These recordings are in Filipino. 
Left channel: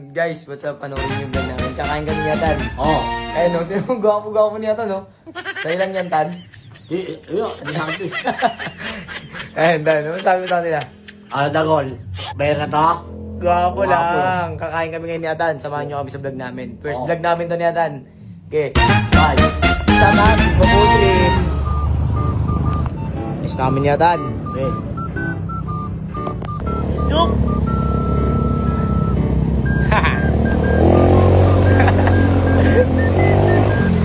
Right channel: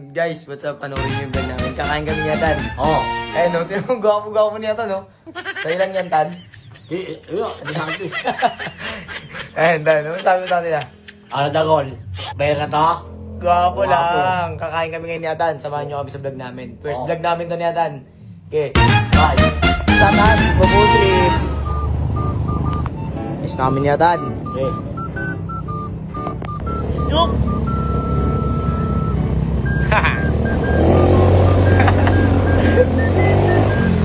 Guys, what's up? Panoorin niyo yung vlog namin. Kakain kami niya, Tan. Oo. Ayun, no? Gwapo-gwapo niya, Tan, no? Sa'yo lang yan, Tan. Ayun, Tan. Ano sabi mo sa atin, Ano dagol? May ka to? Gwapo lang. Kakain kami ngayon niya, Tan. Samahan niyo kami sa vlog namin. First vlog namin to niya, Tan. Okay. Ayos namin niya, Tan. Okay. Yup!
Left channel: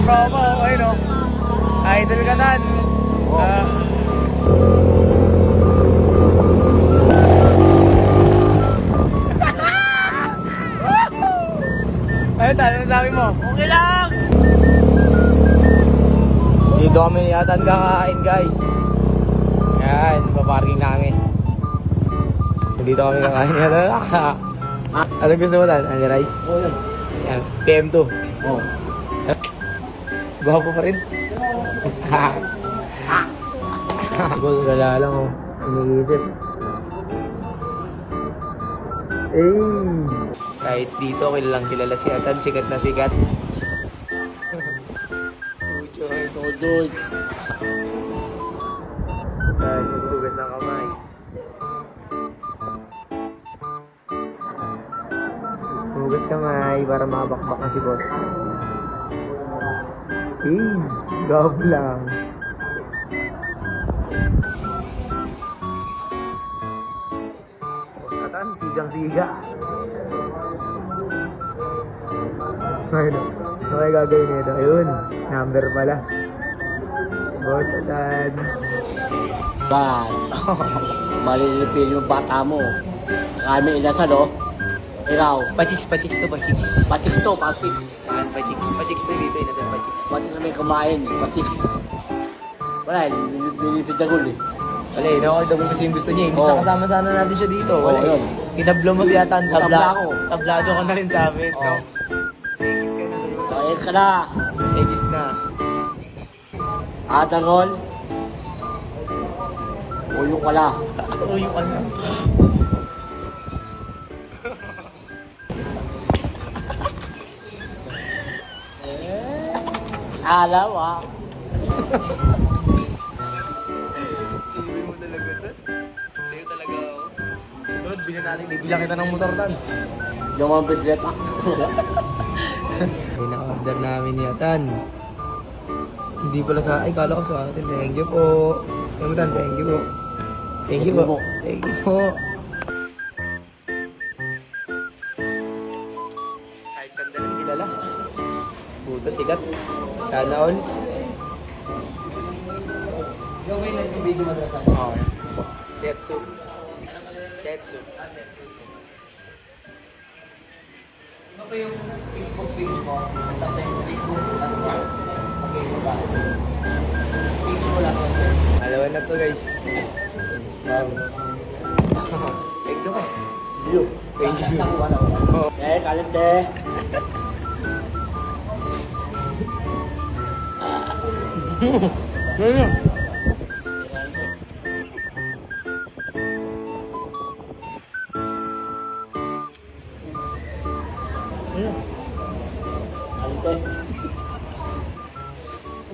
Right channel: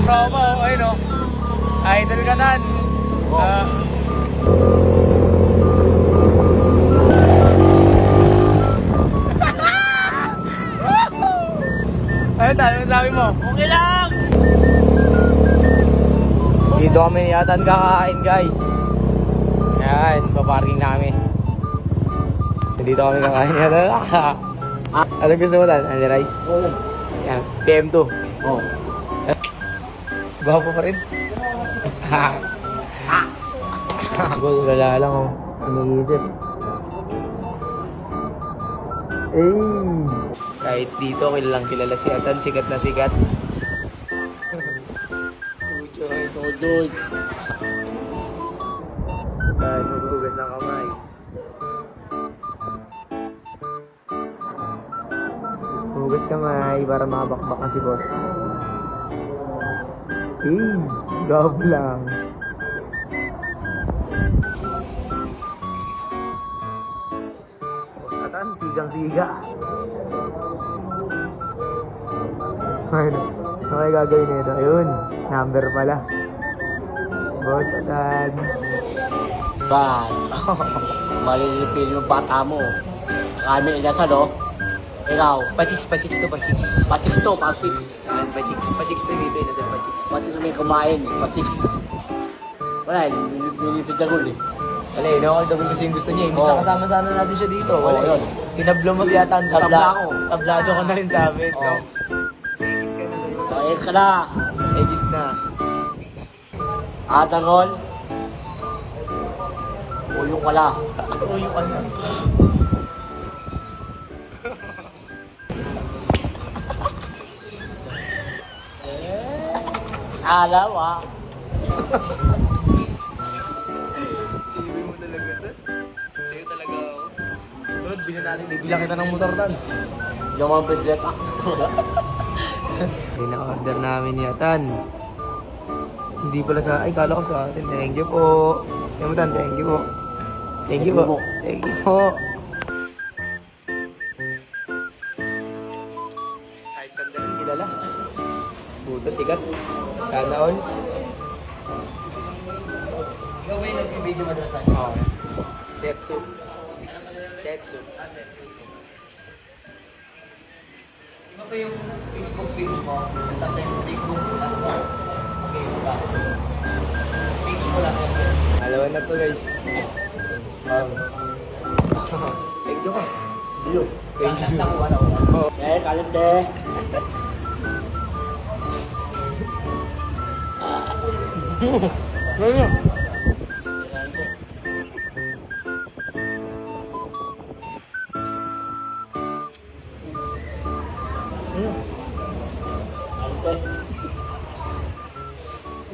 Promo, okay, no? Idol ka, Tan. Ano, Tan? Ano sabi mo? Okay lang! Dito kami yatan kakain, guys. Ayan, paparking namin. Dito kami kakain yatan. Ano gusto mo, Tan? Ano, rice? Ayan, PM2. Oo. Gwapo pa rin. Gol, gala lang, oh. Ano-isip. Kahit dito, kilalang kilala si Atan. Sikat na sikat. Tujoy. Tujoy. Ay, magtugas ng kamay. Tugas kamay para makabakbak na si boss. Gab lang. Atan, sigang-siga. Ano may gagawin nito? Ayun, number pala. Boss, Atan. Bang! Malilipin yung bata mo. Kami inasan, no? Ikaw. Pachiks to, pachiks. Patiks to, patiks. Ayan, pachiks na dito, inasan pachiks. Patiks na may kabayan, patiks. Wala, nilipid dagol eh. Wala, no? Ito po kasi yung gusto niya. Imbis na kasama sana natin siya dito. Wala, Oo, yun. Kinablo mo si Atan. Tabla ako. Tablado ko na rin sa amin, no? Egis ka na tayo. Ayos ka na. Egis na. Dagol. Uyong ka na. Uyo ka na. Alaw, ah. Ibig mo talaga, Tan. Sa'yo talaga ako. Sunod, bilang kita ng motor, Tan. Yung mga presidenta. Pina-order namin ni Atan. Hindi pala sa akin, kala ko sa atin. Thank you po. Kaya mo, Tan, thank you po. Thank you po. Thank you po. Kahit sandalan kilala. Puta, sikat. Sana all. Setsu. Setsu. Ano ba yung Facebook page mo? Nasa Facebook? Alawan na to, guys. Kalit deh.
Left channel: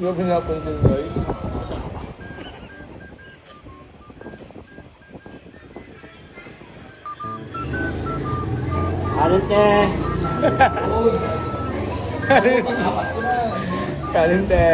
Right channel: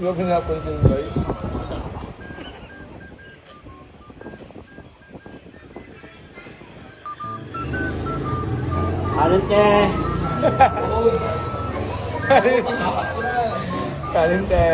Yung pinapunta mo, guys. Kalit deh. Kalinte.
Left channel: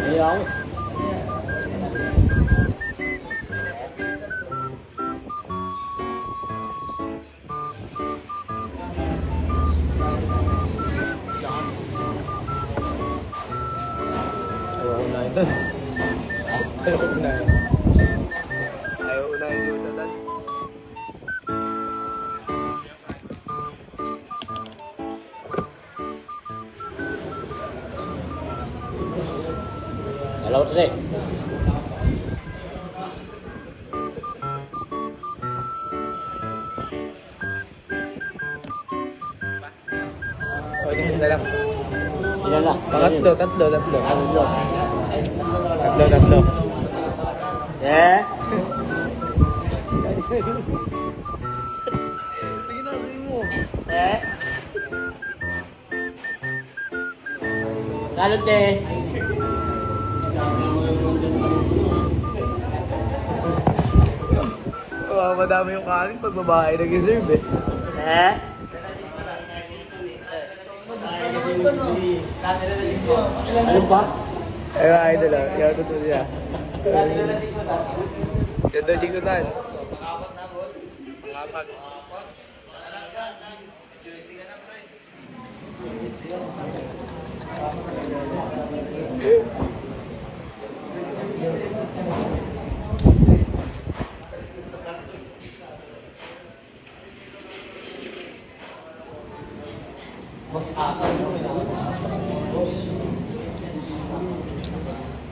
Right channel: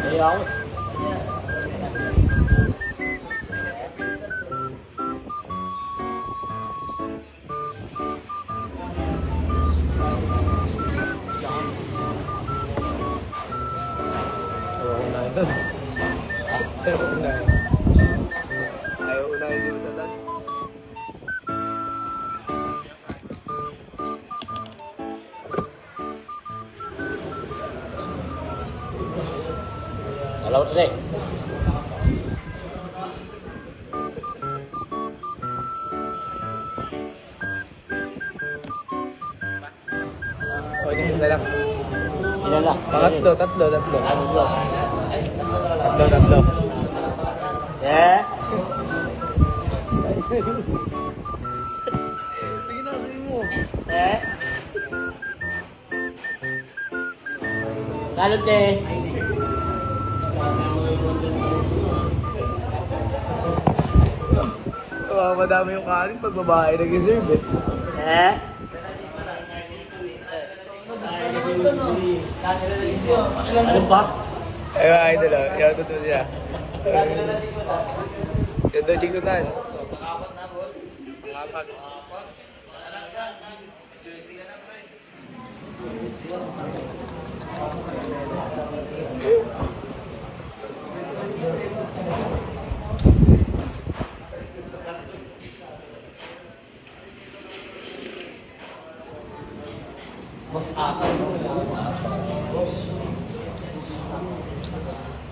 Ayaw. Sige. O, isa lang. Ilan na? Tatlo. Tatlo. Tatlo. Eh? Ginagawa mo. Eh? Kalot eh. Madami yung kanin pag babae nag-serve eh. Eh? Ano ba? Ay nila, yan ito niya. Yan doon, chiksutan. Apat.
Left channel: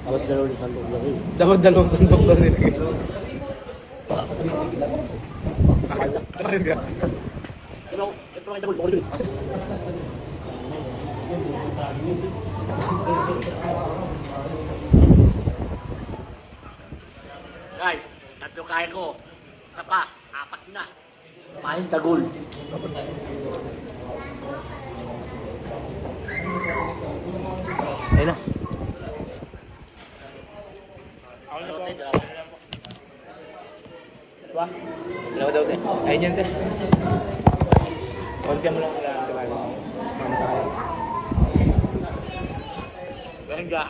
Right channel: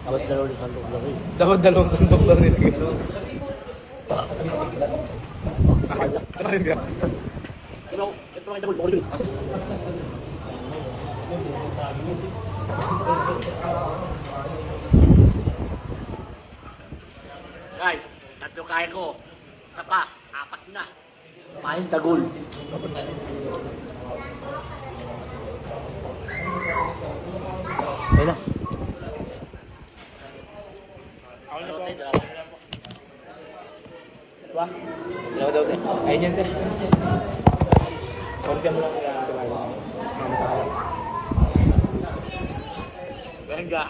Tapos dalawang sandok lang eh. Dapat dalawang sandok lang nilagay. Try ka. Ito ay double ball. Guys, tatlo kaya ko. Isa pa, apat na. Pahis dagol. Ayun na. Ako na po. Ba? Dalawa daw din. Ayun yan din. Benga.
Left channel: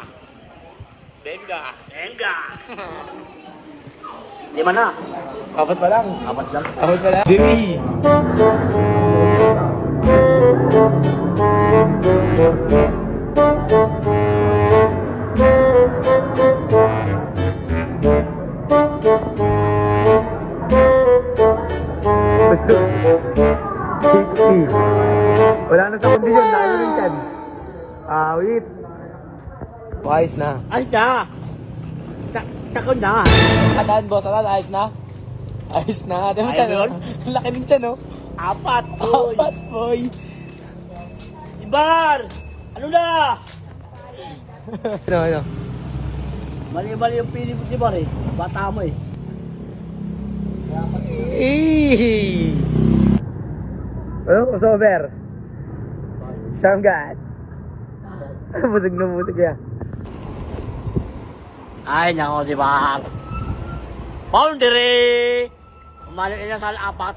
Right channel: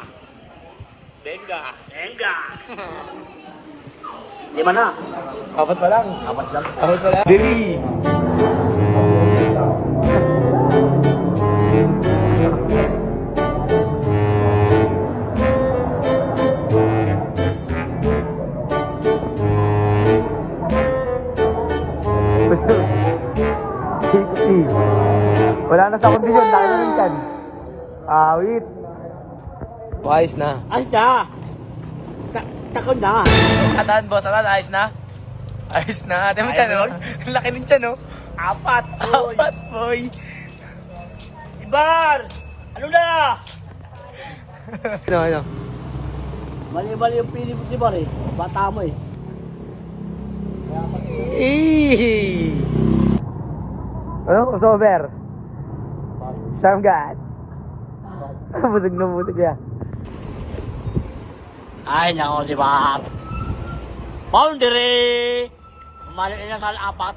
Benga. Enga! Lima na. Apat pa lang. Apat lang. Apat pa lang. Diri. Wala na sa kondisyon, laki na rin yan. Awit. Ayos na. Ay na! Sakon na! Kataan boss, ayos na? Ayos na. Di mo tiyan, no? Laki ng tiyan, no? Apat! Boy! Apat, boy. Ibar! Ano na? Ano? Mali-mali yung pili mo si Bar eh. Bata mo eh. Ano? Sober. Sharm God. Busog na busog yan. Ay, nako si Bar. Boundary! Umano inasal apat.